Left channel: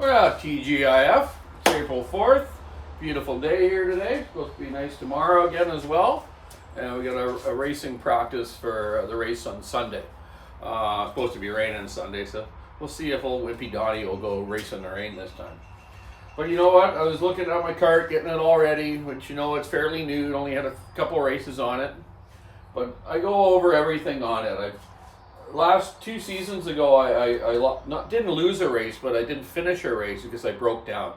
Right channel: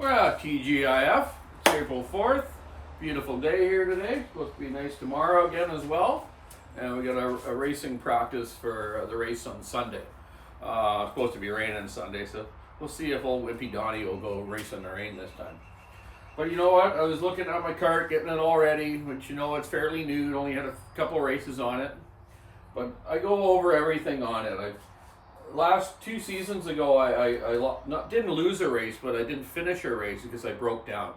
We're at TGIF. It's April 4th. Beautiful day here today. Supposed to be nice tomorrow again as well. And we got a racing practice for the race on Sunday. Supposed to be raining Sunday, so we'll see if old Wimpy Donny will go race in the rain this time. But you know what? I was looking at my kart, getting it all ready, which you know it's fairly new. It only had a couple races on it. But I go over everything on it. Last 2 seasons ago, I didn't lose a race, but I didn't finish a race because I broke down.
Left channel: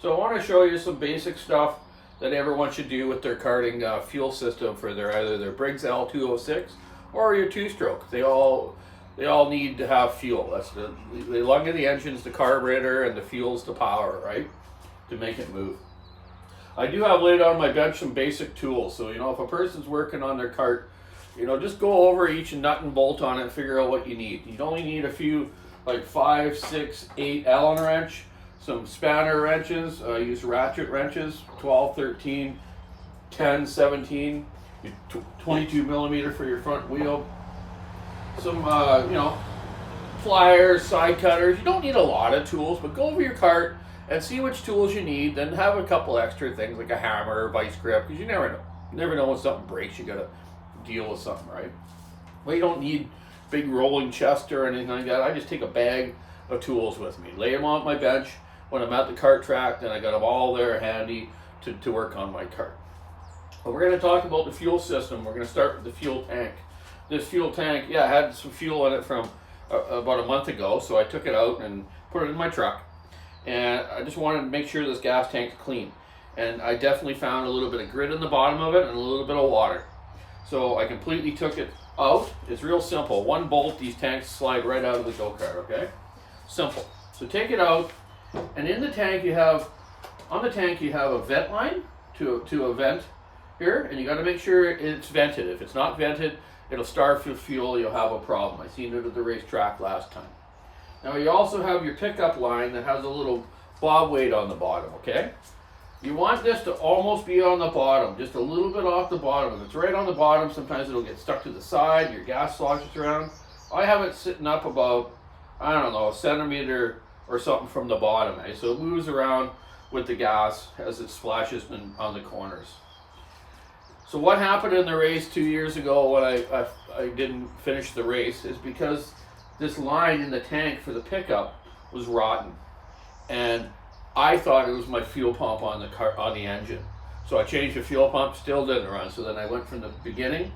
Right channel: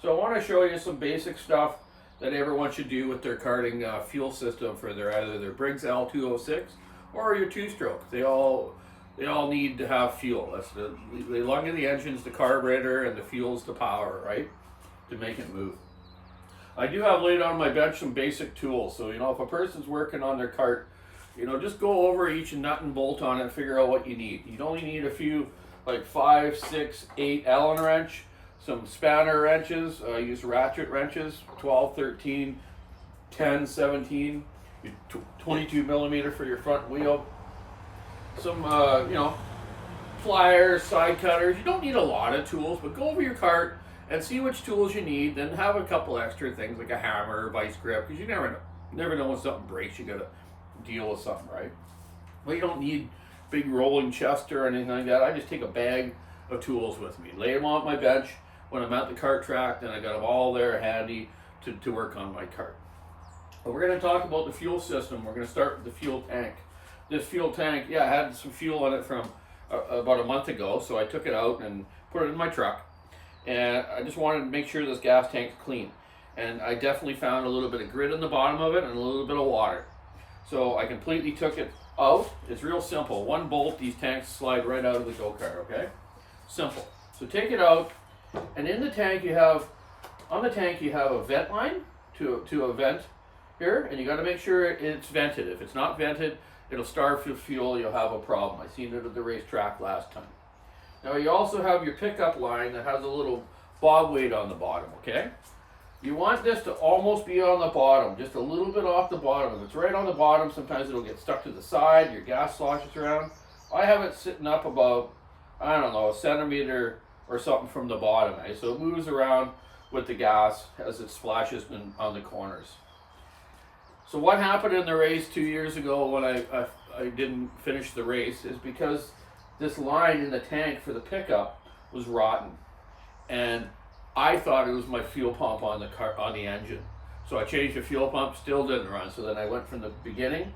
So I want to show you some basic stuff that everyone should do with their karting fuel system for either their Briggs L206 or your 2-stroke. They all need to have fuel. That's the lung of the engine's the carburetor, and the fuel's the power, right, to make it move. I do have laid on my bench some basic tools. So you know, if a person's working on their kart, you know, just go over each nut and bolt on it and figure out what you need. You only need a few, like 5, 6, 8 Allen wrench, some spanner wrenches. I use ratchet wrenches, 12, 13, 10, 17, 22 millimeter for your front wheel. Some, you know, pliers, side cutters. You don't need a lot of tools, but go over your kart and see which tools you need. Then have a couple extra things like a hammer or vice grip, because you never know when something breaks. You gotta deal with something, right? Well, you don't need big rolling chest or anything like that. I just take a bag of tools with me, lay them on my bench when I'm at the kart track, then I got them all there handy to work on my kart. But we're going to talk about the fuel system. We're going to start with the fuel tank. This fuel tank, yeah, had some fuel in it from about a month ago, so I took it out and put it in my truck. And I just wanted to make sure this gas tank's clean. And I definitely found a little bit of grit in the bottom of it and a little bit of water. So I completely took it out. It's real simple. One bolt, these tanks slide right out of the go-kart, okay? Simple. So take it out, and in the tank you have, on the tank you have a vent line to a vent here, and you got to make sure it's vented. If it's not vented, it'll starve for fuel, you'll have a problem. I seen it at the racetrack last time. Now you also have your pickup line that has a little bob weight on the bottom, okay? You want this to almost be on the bottom, just a little bit off the bottom. If it's right on the bottom, sometimes it'll get stuck to the side, your gas sloshes around. I have it sitting up about, I don't know, a centimeter or something from the bottom, eh? So it moves around with the gas as it splashes on the corners. So what happened in the race 2 years ago when I didn't finish the race is because this line in the tank for the pickup was rotten. And I thought it was my fuel pump on the engine. So I changed the fuel pump, still didn't run. So then I went from the beginning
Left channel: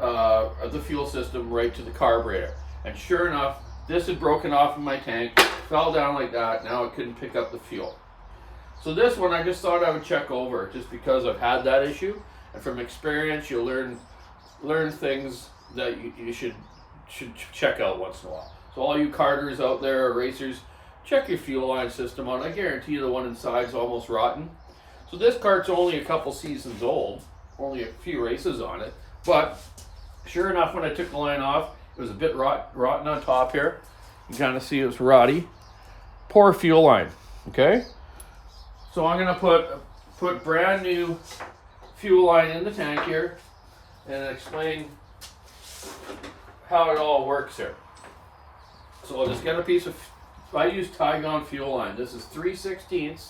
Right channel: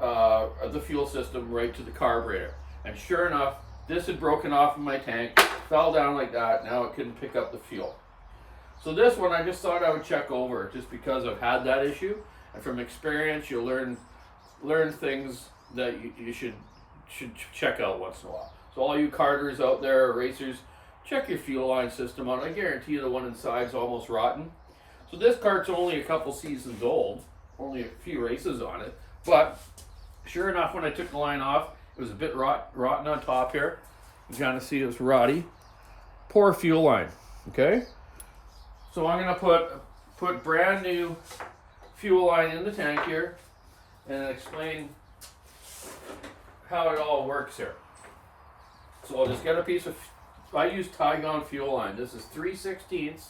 of the fuel system right to the carburetor. And sure enough, this had broken off in my tank, fell down like that. Now it couldn't pick up the fuel. So this one I just thought I would check over, just because I've had that issue. And from experience, you'll learn things that you should check out once in a while. So all you karters out there, or racers, check your fuel line system out. I guarantee you the one inside is almost rotten. So this kart's only a couple seasons old, only a few races on it. But sure enough, when I took the line off, it was a bit rotten on top here. You kind of see it was rotty. Poor fuel line, okay? So I'm gonna put brand new fuel line in the tank here and explain how it all works here. So I'll just get a piece of, I use Tygon fuel line. This is 3/16,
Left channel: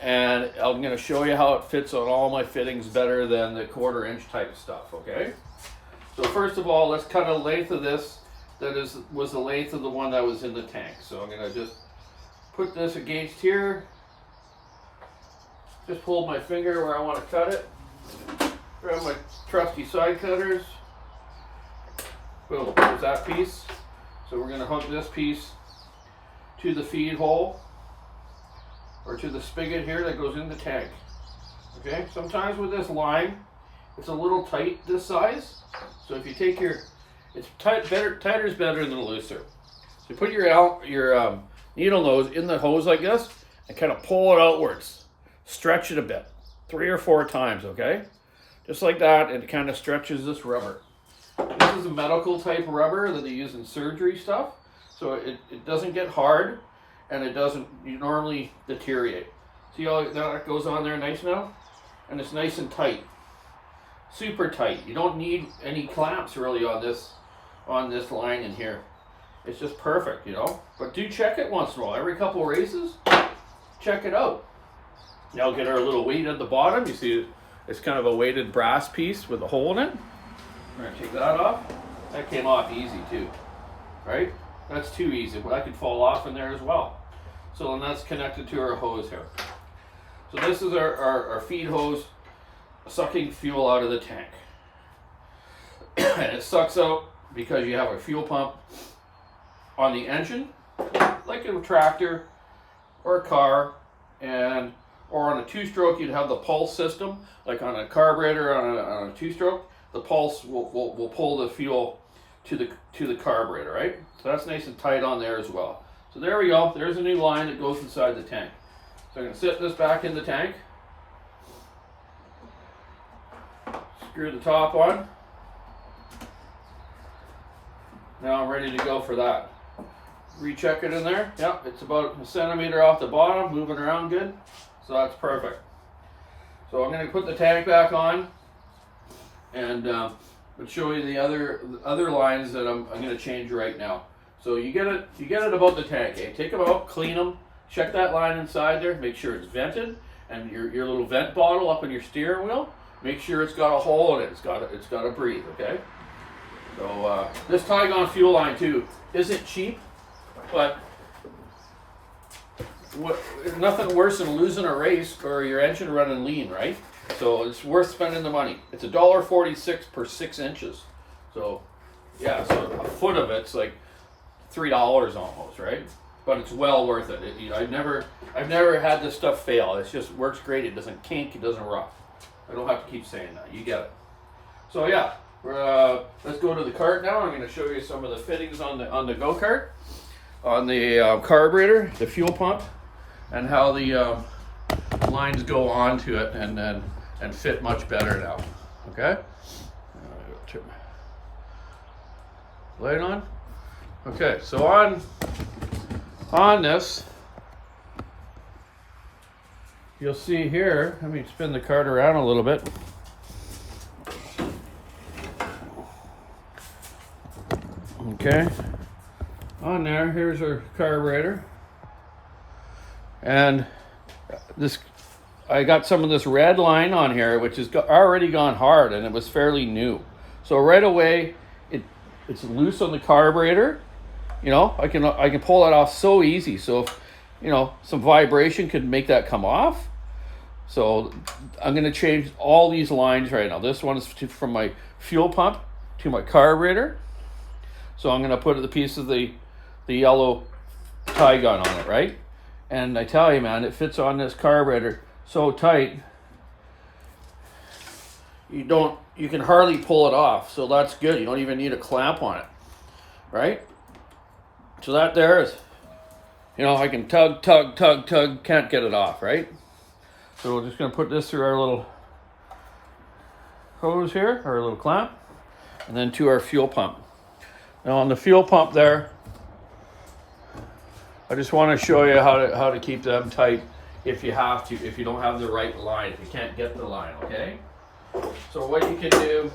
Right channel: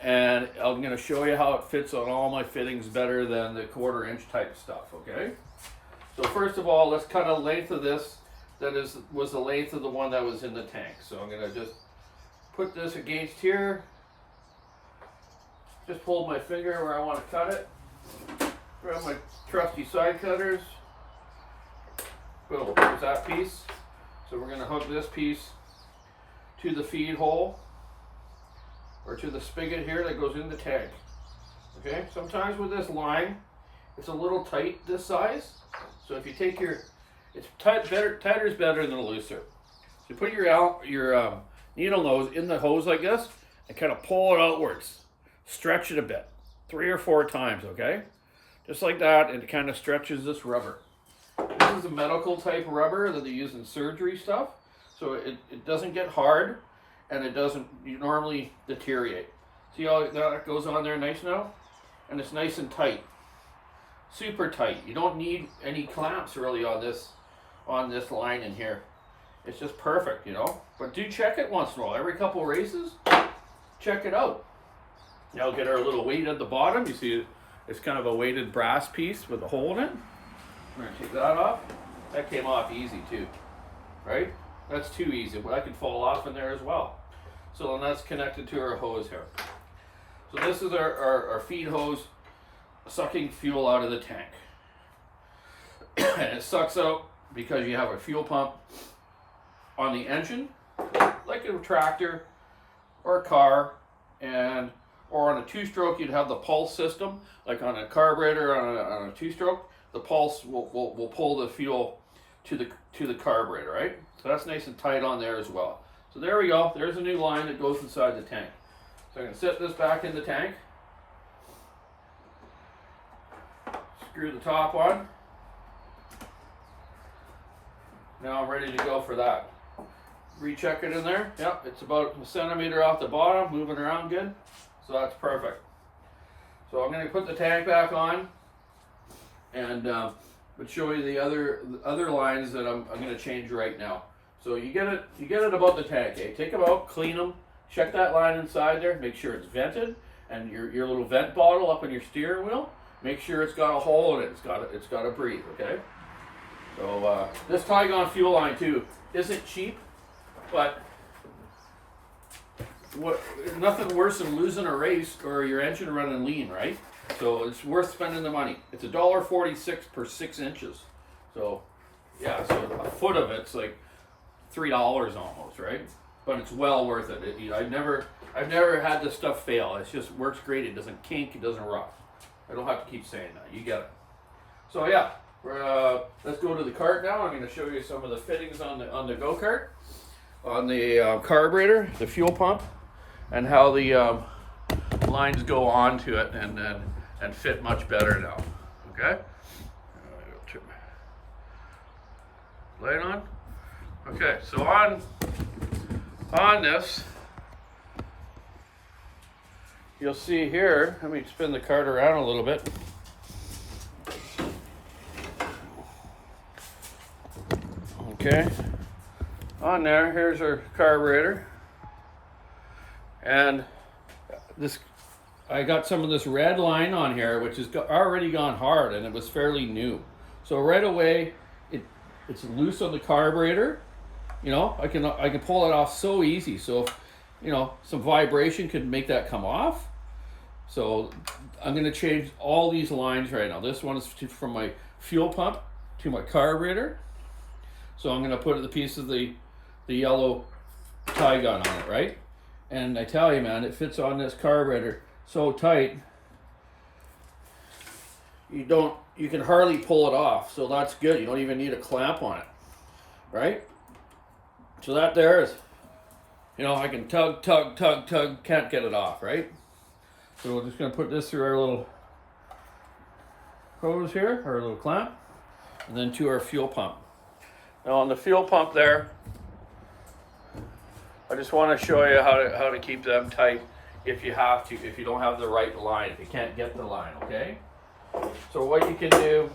and I'm going to show you how it fits on all my fittings better than the 1/4 inch type stuff, okay? So first of all, let's cut a length of this that was the length of the one that was in the tank. So I'm going to just put this against here. Just hold my finger where I want to cut it. Grab my trusty side cutters. Boom, there's that piece. So we're going to hook this piece to the feed hole, or to the spigot here that goes in the tank. Okay, sometimes with this line, it's a little tight this size. So if you take it's tighter is better than looser. So you put your needle nose in the hose like this and kind of pull it outwards. Stretch it a bit, 3 or 4 times, okay? Just like that, and it kind of stretches this rubber. This is a medical type rubber that they use in surgery stuff. So it doesn't get hard, and it doesn't normally deteriorate. See how that goes on there nice now? And it's nice and tight. Super tight. You don't need any clamps really on this line in here. it's just perfect, you know. But do check it once in a while. Every couple races, check it out. Now get our little weight at the bottom. You see it's kind of a weighted brass piece with a hole in it. We're gonna take that off. That came off easy too, right? That's too easy, but that could fall off in there as well. So then that's connected to our hose here. So this is our feed hose sucking fuel out of the tank. And it sucks out because you have a fuel pump on the engine, like a tractor or a car, or on a two-stroke you'd have the pulse system, like on a carburetor on a two-stroke. The pulse will pull the fuel to the carburetor, right? So that's nice and tight on there as well. So there we go. There's a new line that goes inside the tank. So I'm going to sit this back in the tank. Screw the top on. Now I'm ready to go for that. Recheck it in there. Yep, it's about a centimeter off the bottom, moving around good. So that's perfect. So I'm going to put the tank back on, and but show you the other lines that I'm going to change right now. So you get it about the tank. Eh? Take them out, clean them, check that line inside there, make sure it's vented, and your little vent bottle up on your steering wheel, make sure it's got a hole in it. It's got to breathe. Okay. So this Tygon fuel line too isn't cheap, but nothing worse than losing a race or your engine running lean, right? So it's worth spending the money. It's $1.46 per 6 inches. So yeah, so a foot of it's like $3 almost, right? But it's well worth it. I've never had this stuff fail. It just works great. It doesn't kink. It doesn't rough. I don't have to keep saying that. You get it. So yeah, let's go to the cart now. I'm going to show you some of the fittings on the go-kart, on the carburetor, the fuel pump, and how the lines go onto it and fit much better now. Okay. Turn my light on. Okay. So on this, you'll see here. Let me spin the cart around a little bit. Okay, on there, here's our carburetor, and this, I got some of this red line on here, which has already gone hard, and it was fairly new. So right away, it's loose on the carburetor. You know, I can pull it off so easy. So if, you know, some vibration could make that come off. So I'm going to change all these lines right now. This one is from my fuel pump to my carburetor. So I'm going to put the piece of the yellow Tygon on it, right? And I tell you, man, it fits on this carburetor so tight, you can hardly pull it off. So that's good. You don't even need a clamp on it, right? So that there is, you know, I can tug, can't get it off, right? So we're just going to put this through our little hose here, our little clamp, and then to our fuel pump. Now on the fuel pump there, I just want to show you how to keep them tight if you have to, if you don't have the right line, if you can't get the line, okay? So what you can do,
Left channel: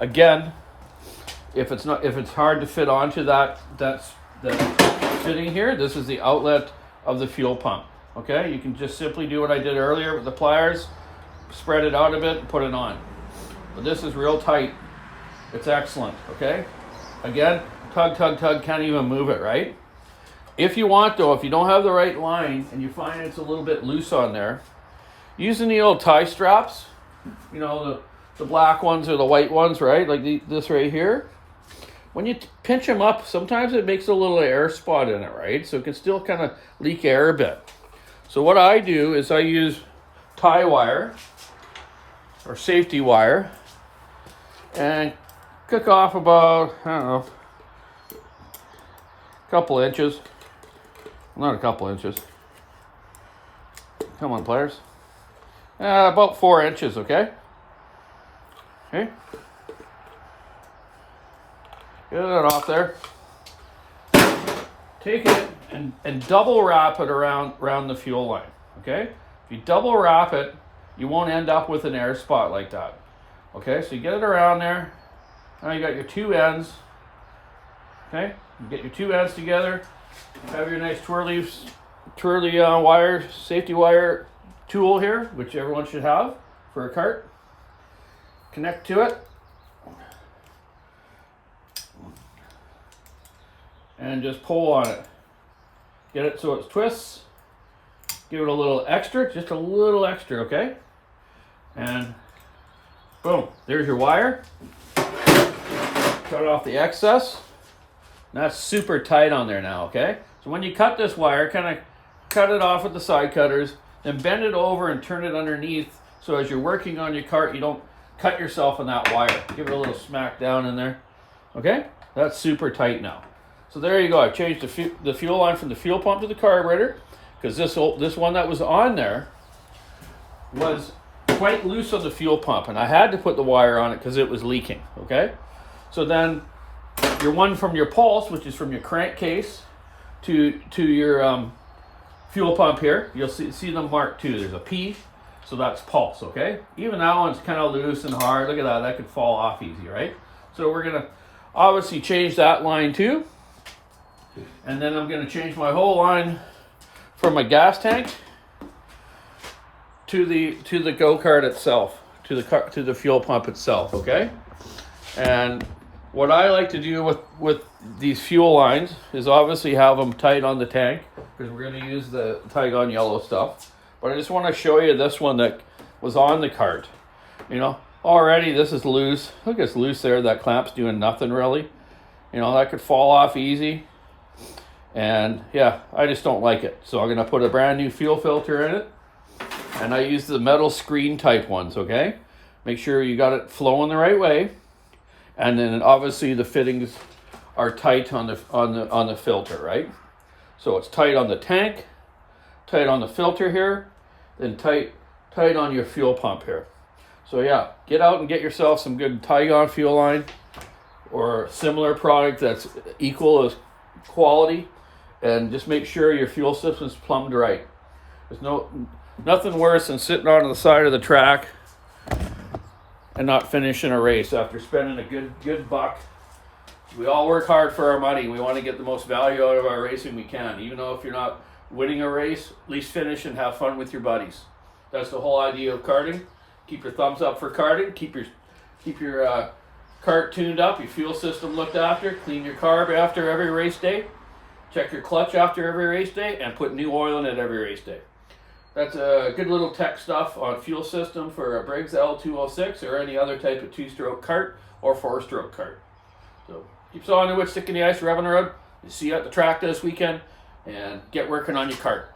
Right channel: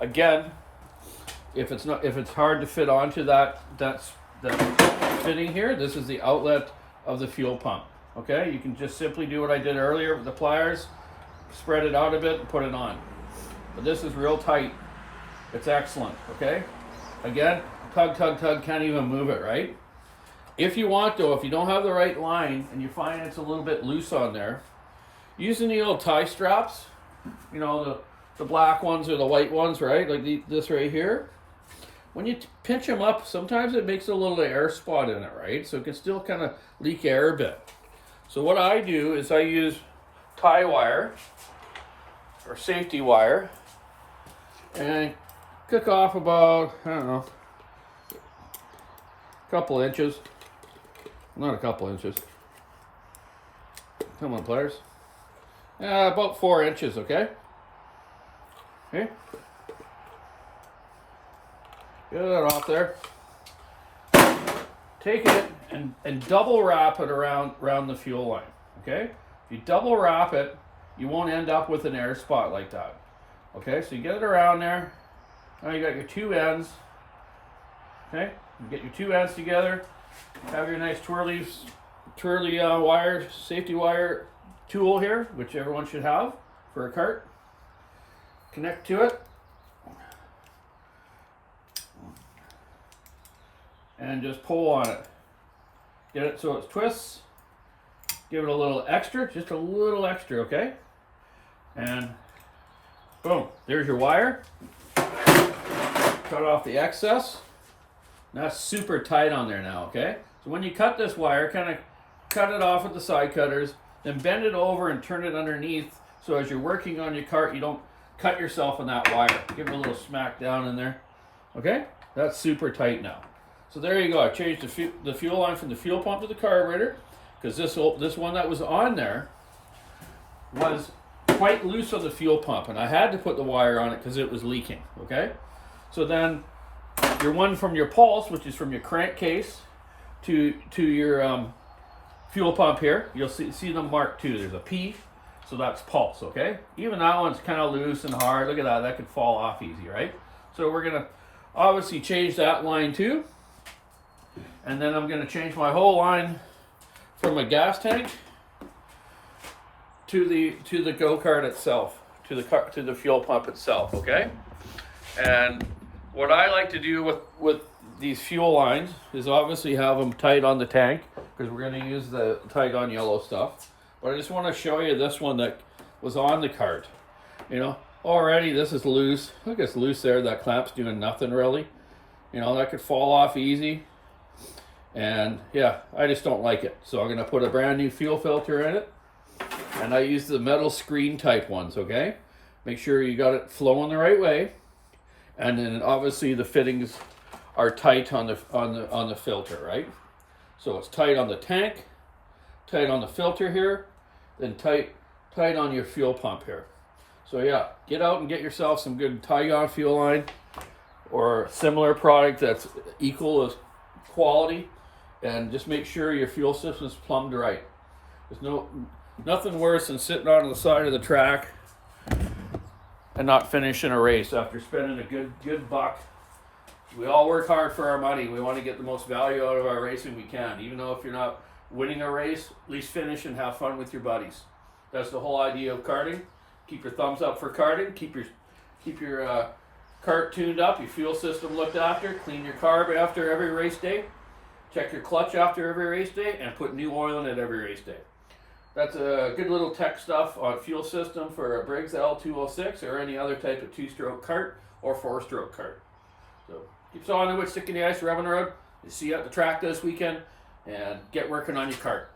again, if it's hard to fit onto that fitting here, this is the outlet of the fuel pump, okay? You can just simply do what I did earlier with the pliers, spread it out a bit and put it on. But this is real tight. It's excellent, okay? Again, tug, can't even move it, right? If you want though, if you don't have the right line and you find it's a little bit loose on there, using the old tie straps, you know, the black ones or the white ones, right? Like this right here. When you pinch them up, sometimes it makes a little air spot in it, right? So it can still kind of leak air a bit. So what I do is I use tie wire or safety wire and cook off about, I don't know, a couple inches. Not a couple inches. Come on, players. About 4 inches, okay? Okay. Get that off there. Take it and double wrap it around the fuel line, okay? If you double wrap it, you won't end up with an air spot like that. Okay, so you get it around there, Now you got your two ends. Okay, you get your two ends together. Have your nice twirly wire, safety wire tool here, which everyone should have for a cart. Connect to it. And just pull on it. Get it so it twists. Give it a little extra, just a little extra, okay? And boom, there's your wire. Cut off the excess. That's super tight on there now, okay? So when you cut this wire, kind of cut it off with the side cutters, then bend it over and turn it underneath so as you're working on your cart, you don't cut yourself on that wire. Give it a little smack down in there, okay? That's super tight now. So there you go. I've changed the fuel line from the fuel pump to the carburetor because this one that was on there was quite loose on the fuel pump, and I had to put the wire on it because it was leaking, okay? So then your one from your pulse, which is from your crankcase to your fuel pump here, you'll see them marked too. There's a P, so that's pulse, okay? Even that one's kind of loose and hard. Look at that. That could fall off easy, right? So we're going to obviously change that line too. And then I'm going to change my whole line from my gas tank to the go-kart itself, to the fuel pump itself, okay? And what I like to do with these fuel lines is obviously have them tight on the tank because we're going to use the Tygon yellow stuff. But I just want to show you this one that was on the cart. You know, already this is loose. Look, it's loose there. That clamp's doing nothing really. You know, that could fall off easy. And yeah, I just don't like it. So I'm going to put a brand new fuel filter in it. And I use the metal screen type ones, okay? Make sure you got it flowing the right way. And then obviously the fittings are tight on the filter, right? So it's tight on the tank, tight on the filter here, then tight on your fuel pump here. So yeah, get out and get yourself some good Tygon fuel line or similar product that's equal as quality, and just make sure your fuel system's plumbed right. There's nothing worse than sitting on the side of the track and not finishing a race after spending a good buck. We all work hard for our money. We want to get the most value out of our racing we can. Even though if you're not winning a race, at least finish and have fun with your buddies. That's the whole idea of karting. Keep your thumbs up for karting. Keep your cart tuned up, your fuel system looked after, clean your carb after every race day, check your clutch after every race day, and put new oil in it every race day. That's a good little tech stuff on fuel system for a Briggs L206 or any other type of two-stroke cart or four-stroke cart. So keep sawing the wood, stick in the ice, rubbing the road. See you at the track this weekend, and get working on your cart.